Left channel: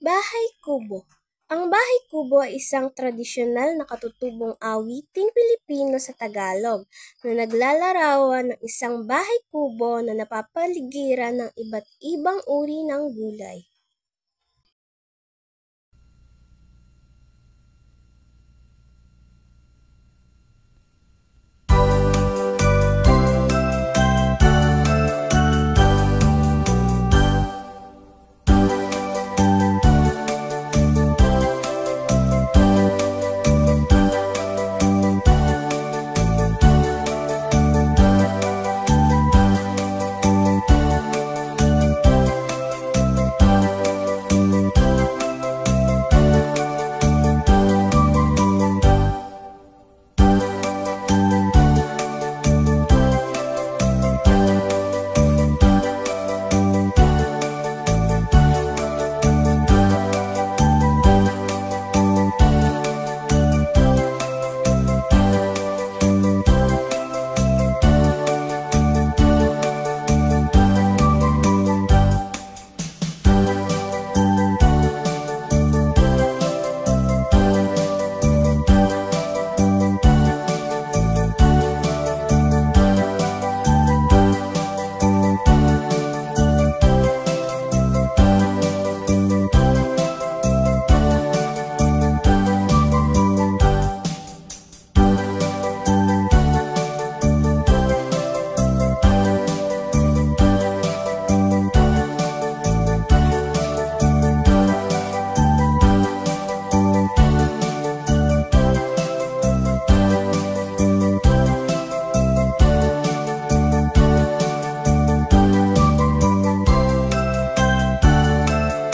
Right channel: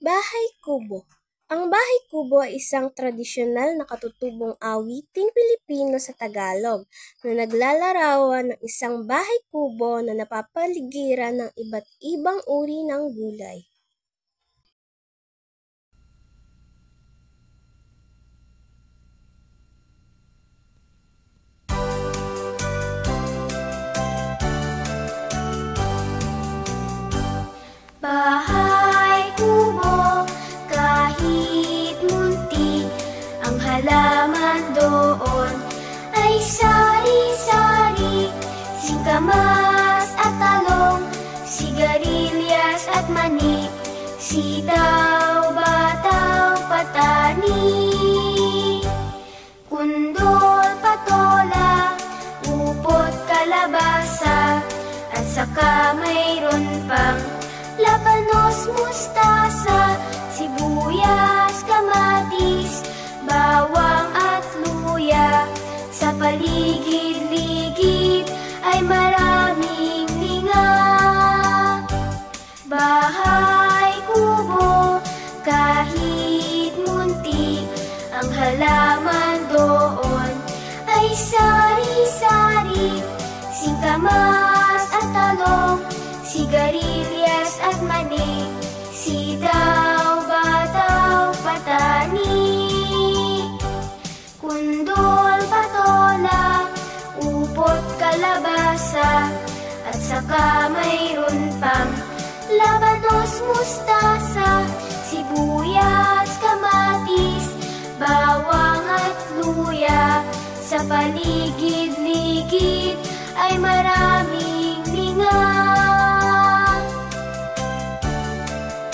Bahay kubo. Ang bahay kubo ay isang tradisyonal na katutubong awiting Pilipino sa Tagalog na naglalarawan ng isang bahay kubo na napapaligiran ng iba't ibang uri ng gulay.